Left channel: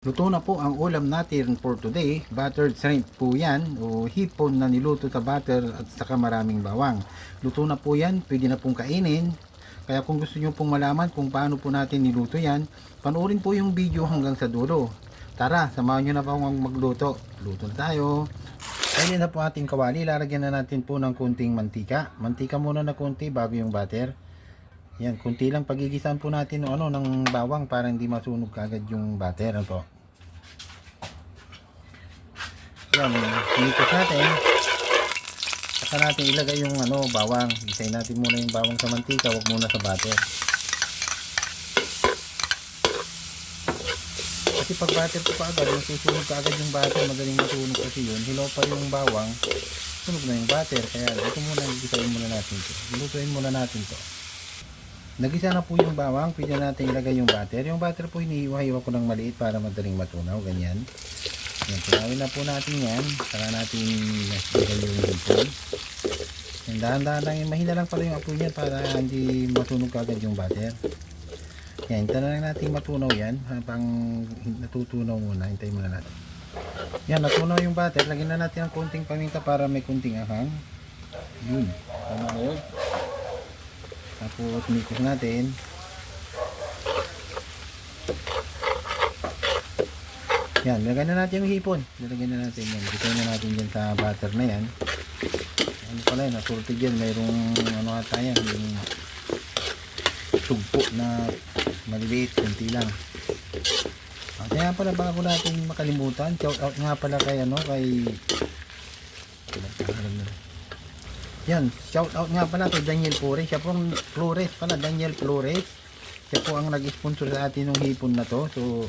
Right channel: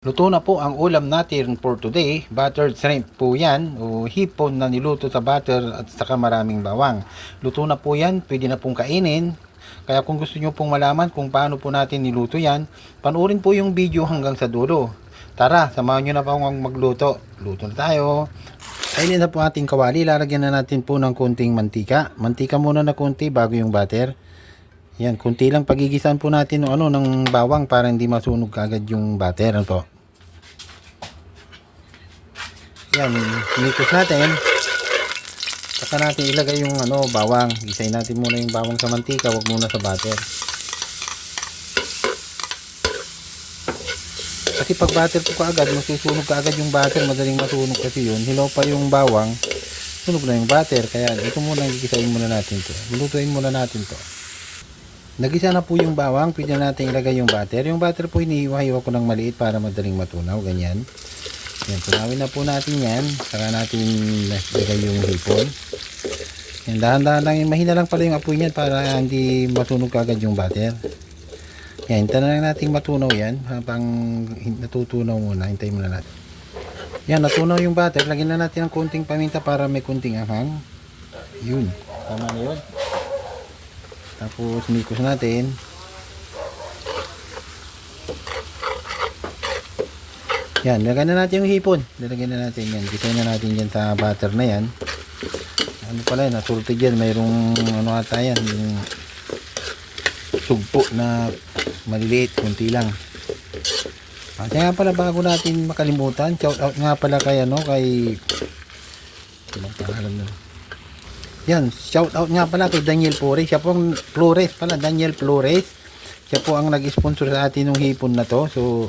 Luto na po ang ulam natin for today. Buttered shrimp po yan o hipon na niluto sa butter at saka maraming bawang. Luto na po yan, pwede na pong kainin. Kaya kung gusto nyo pong malaman kung paano po natin niluto yan, panoorin po yung video hanggang sa dulo. Tara, samahan nyo na po akong magluto. Luto na tayo. Kainin na po ating kawali. Lalagyan na natin po ng konting mantika. Mantika muna na konti bago yung butter. Yan, kunti lang pagigisan po natin ng bawang para hindi masunog kagad yung butter. Ano po? Yan, sinikos natin. Saka natin ilagay yung bawang. Gisayin natin muna yung bawang sa mantika, wag muna sa butter. Kasi pag butter po kaagad, nasusunog kaagad yung butter, madaling masunog kasi yun. Hilaw pa yung bawang, sunog na yung butter. Kaya ito muna, gisayin muna natin to. Lutuin muna natin to. Nagisa na po yung bawang, pwede natin ilagay yung butter. Yung butter po hinihiwa-hiwa ko ng maliit para madaling matunaw, ganyan. Yan, tunawin na po natin yan. Saka natin ilagay yung hipon. Yan, dahan-dahan lang, mahina lang pala yung apoy niyan para hindi matunog agad yung butter. Yan, hintayin na lang natin matunaw yan. Habang natutunaw muna, hintayin muna natin. Yan, natunaw yung butter. Lagyan na natin ng konting paminta para may konting anghang. Yun, tama na yun. Tapos mikos natin. Yan, lagyan na natin yung hipon. Lalagyan na natin yan. Gitayin na natin yan sa butter na yan. Ano pala yun, nasultid yan. Mayroong ata yan, yung sugpo na maliliit, kunti lang. At nga pala, bago natin makalimutan, shout out nga pala kay yan, shout out nga pala kay Daniel Flores. Siya po ang Daniel Flores. Siya po ang nag-sponsor sa atin ng hipon na to. So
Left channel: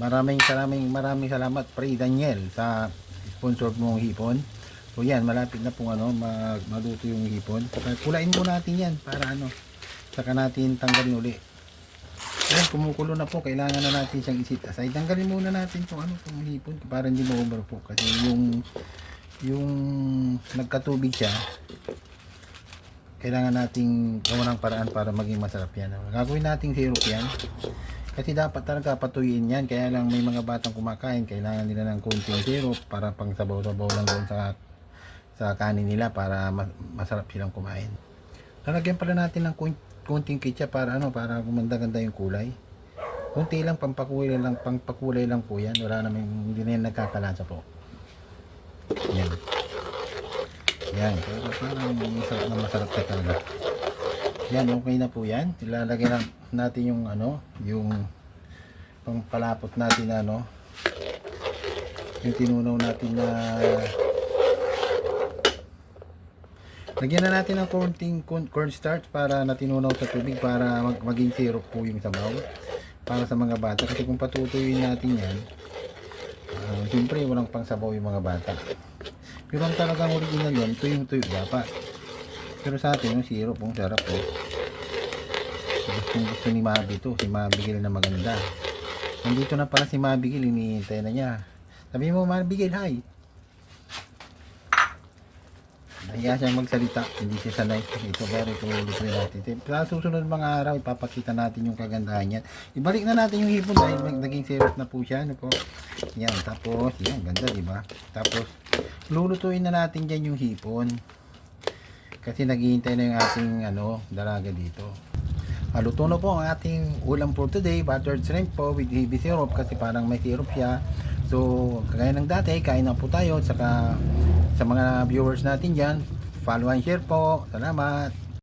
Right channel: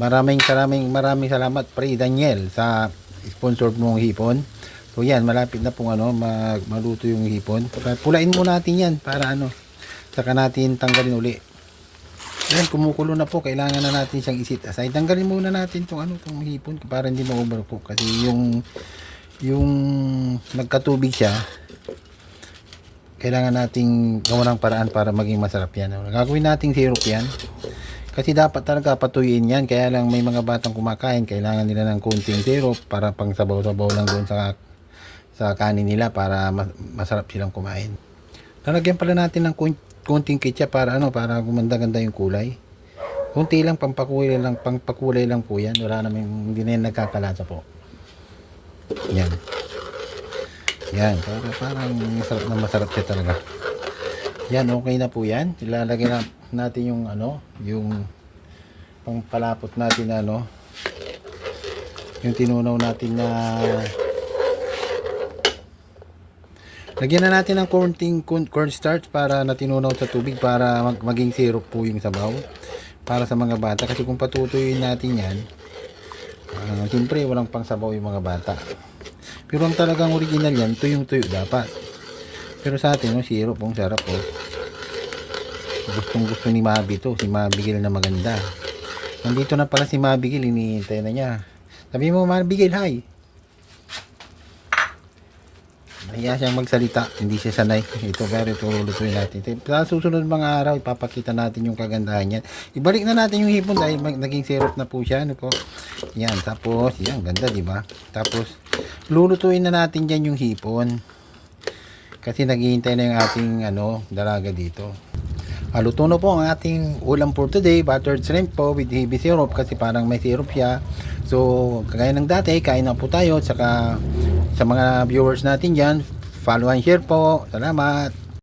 maraming salamat pre Daniel sa sponsor mong hipon. So yan, malapit na pong maluto yung hipon. Pulain mo natin yan para saka natin tanggalin uli. Yan, kumukulo na po, kailangan na natin siyang isit aside. Tanggalin muna natin tong hipon para hindi ma-overcook kasi yung nagkatubig siya, kailangan nating gawa ng paraan para maging masarap yan. Gagawin nating syrup yan kasi dapat talaga patuyuin yan, kaya lang may mga batang kumakain, kailangan nila ng konting syrup para pang sabaw-sabaw lang doon sa kanin nila para masarap silang kumain. Lalagyan pala natin ng konting ketchup para para gumanda-ganda yung kulay. Konti lang, pangpakulay lang po yan. Wala namang, hindi na yan nagkakalasa po. Yan. Yan. Parang masarap siya talaga. Yan, okay na po yan. Ilalagay natin yung yung pangpalapot natin yung tinunaw natin na lagyan na natin ng cornstarch para natinunaw sa tubig para maging syrup po yung sabaw para sa mga bata. Kasi kung patutuyuin natin yan, siyempre walang pang sabaw yung mga bata. Pero ang talagang original yan, tuyong-tuyo dapat. Pero sa atin, syrup, ang sarap po. Gusto ni Mabi to, si Mabigil na maganda. Nandito na pala si Mabigil, hinihintay na niya. Sabi mo, Mabigil, hi! Kaya siyang magsalita, hindi siya sanay. Ito, pero lutuin natin. Sa susunod mga araw, ipapakita natin yung kagandahan niyan. Ibalik na natin yung hipon dahil naging syrup na po siya. Yan, tapos, yan, ganda, di ba? Tapos, lulutuin na natin dyan yung hipon. Kasi naghihintay na yung ating dalaga dito. Luto na po ang ating ulam for today, buttered shrimp po with heavy syrup kasi parang may syrup siya. So, kagaya ng dati, kain na po tayo. Saka sa mga viewers natin dyan, follow and share po. Salamat!